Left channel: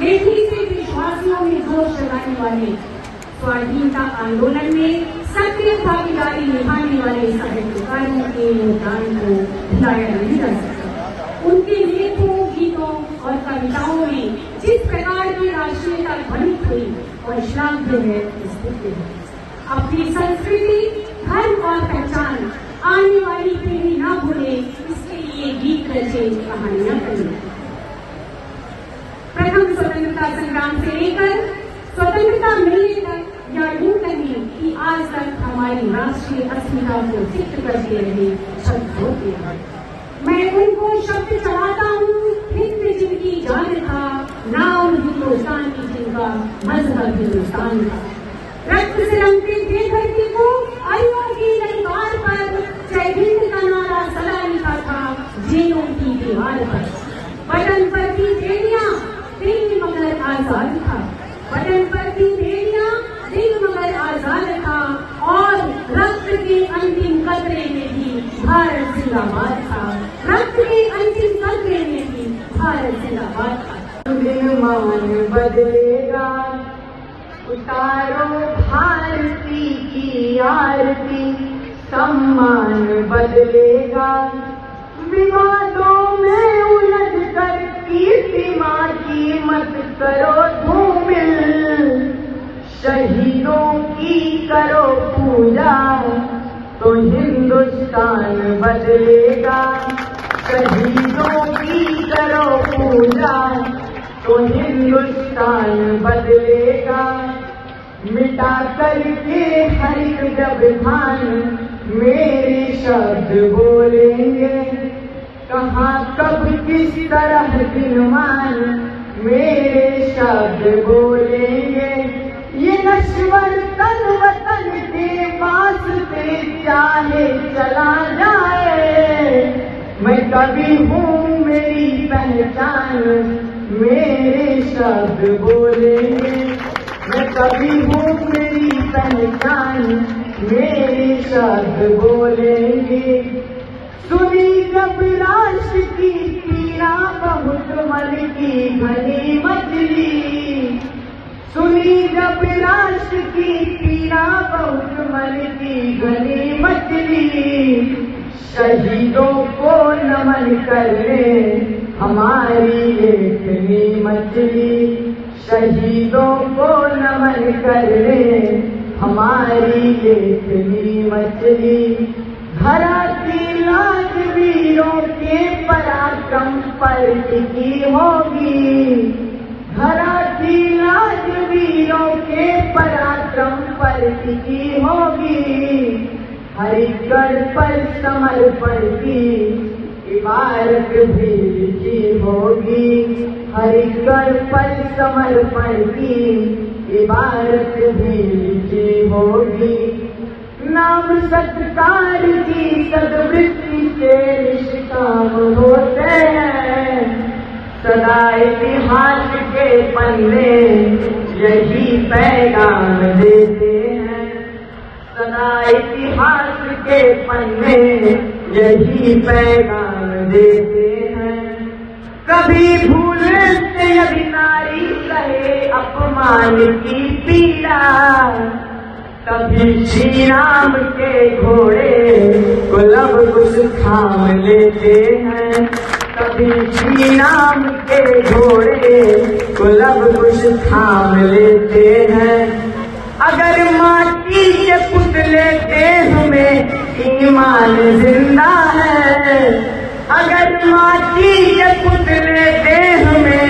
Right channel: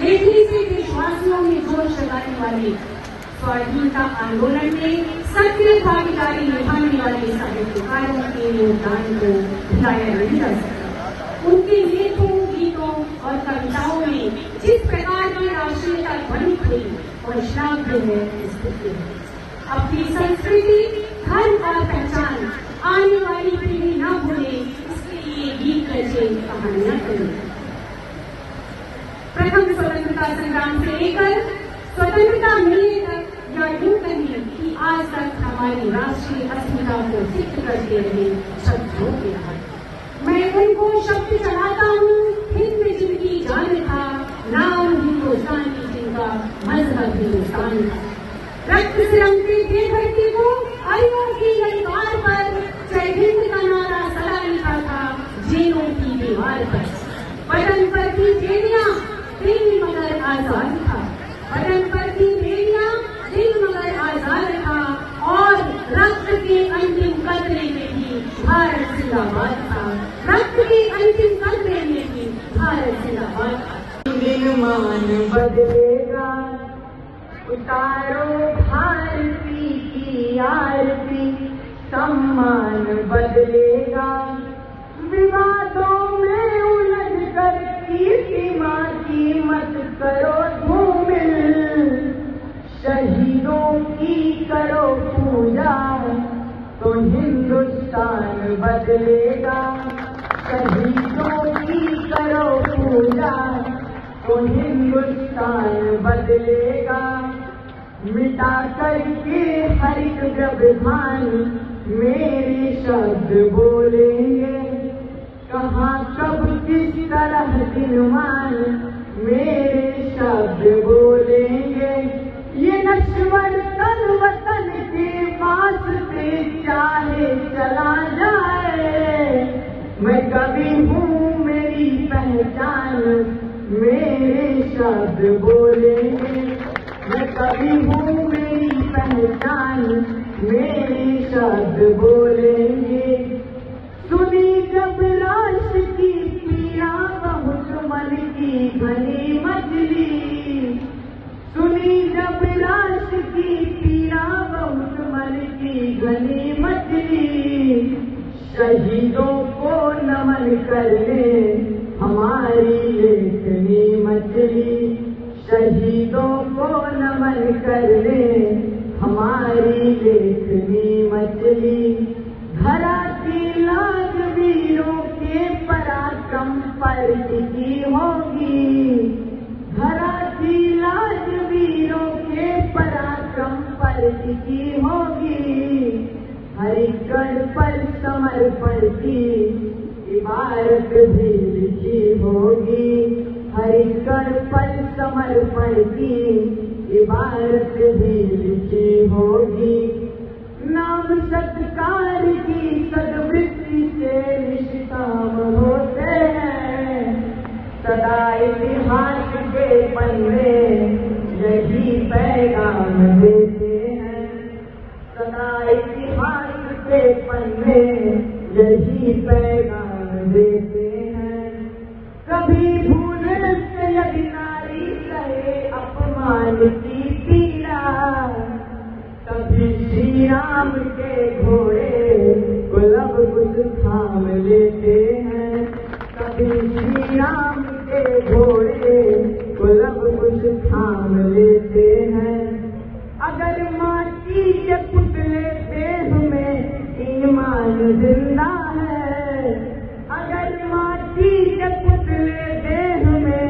लेखनी से देशवासियों में जोश जगाने वाले स्वाधीनता आंदोलन में सक्रिय भागीदारी निभाने वाले साहित्यकारों के योगदान को भुलाया नहीं जा सकता। उनके लेखों, गीतों और कविताओं में जिस प्रकार की राष्ट्रीयता ध्वनित हुई और श्राव्य है स्थिति है। अपनी संस्कृति, धर्म और पहचान आने वाली पीढ़ी न भूले, इसके लिए गीत रचे, कहानियां करें। प्रथम स्वतंत्रता संग्राम से लेकर स्वतंत्रता मिलने तक, या यूं कहिए कि आज तक हमारी राष्ट्रीय अस्मिता को चित्त करते रहे शब्दों के मैं उनको शब्द चढ़ाता हूँ। हिंद जिनकी जान था, नाम हिंदुस्तान की जिनका मजहब हिंदुस्तान था। रक्त से रंगती थे धरती को, अयोध्या की दरबार पर जय हिंद का नारा सदा लिखा था जेलों की दीवार पर। बटन पर थी बेड़ियां, दिल मगर आजाद था। बटन पर थी बेड़ियां, दिल मगर आजाद था। और रक्त के अंतिम कतरे में भी भारत जिंदाबाद था। रक्त के अंतिम कतरे में भी भारत जिंदाबाद था। मान बदलेगा, उतारो भारती की आरती, सम्मान बदलेगा। विवादों में उलझ कर कीर्तिमा की मत करो धूमिल। शहीदों की करो पूजा, तो हिंदुस्तान बदलेगा। शहीदों की करो पूजा, तो हिंदुस्तान बदलेगा। मिटा करके हर एक व्यवधान मेरे शब्द बोलेंगे। कहाँ कब किस तरह दिनमान मेरे शब्द बोलेंगे। ये नश्वर तन वतन के वास्ते चाहे चला जाए, मैं कभी हूँ मेरी पहचान मेरे शब्द बोलेंगे। मैं कभी हूँ मेरी पहचान मेरे शब्द बोलेंगे। सुनी जब राष्ट्र की पीड़ा बहुत मन की घनी मचली। सुनी जब राष्ट्र की पीड़ा बहुत मन की घनी मचली। शहीदों को नमन करने हमारी लेखनी मचली। शहीदों को नमन करने हमारी लेखनी मचली। धरा की लाज वीरों के पराक्रम पर टिकी होगी। धरा की लाज वीरों के पराक्रम पर टिकी होगी। हरिगढ़ पर समर्पण की इबारत भी लिखी होगी। हरिगढ़ पर समर्पण की इबारत भी लिखी होगी। नाम सत्कार की सद्वृत्ति से निष्काम होते हैं। सदा इतिहास के पन्ने यही पैगाम देते हैं। सदा इतिहास के पन्ने यही पैगाम देते हैं। कभी भूल से यदि नारी सहे अपमान की पीड़ा, कभी श्री राम के घोड़े को लव कुश थाम लेते हैं। कभी श्री राम के घोड़े को लव कुश थाम लेते हैं। अगर माटी के पुतले देह में ईमान जिंदा है। अगर माटी के पुतले देह में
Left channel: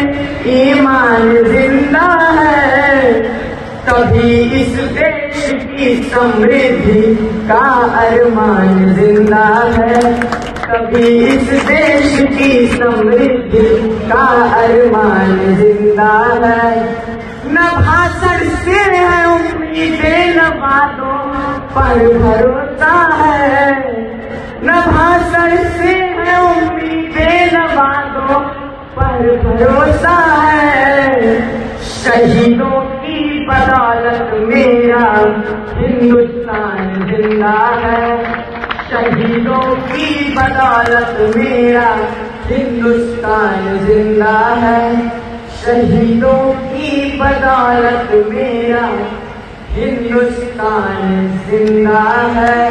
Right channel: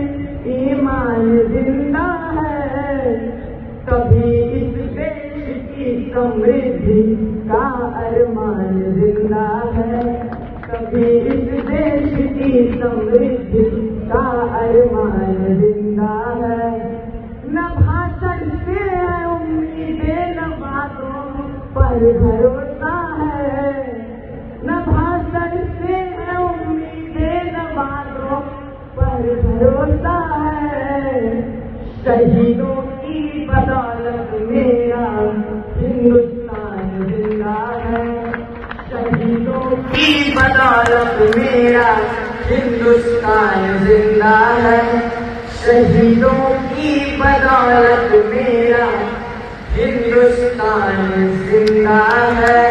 ईमान जिंदा है, तभी इस देश की समृद्धि का अरमान जिंदा है। तभी इस देश की समृद्धि का अरमान जिंदा है। न भाषण से है उम्मीदें, न बातों पर भरोसा है। न भाषण से है उम्मीदें, न बातों पर भरोसा है। शहीदों की बदौलत मेरा हिंदुस्तान जिंदा है। शहीदों की बदौलत मेरा हिंदुस्तान जिंदा है। शहीदों की बदौलत मेरा हिंदुस्तान जिंदा है।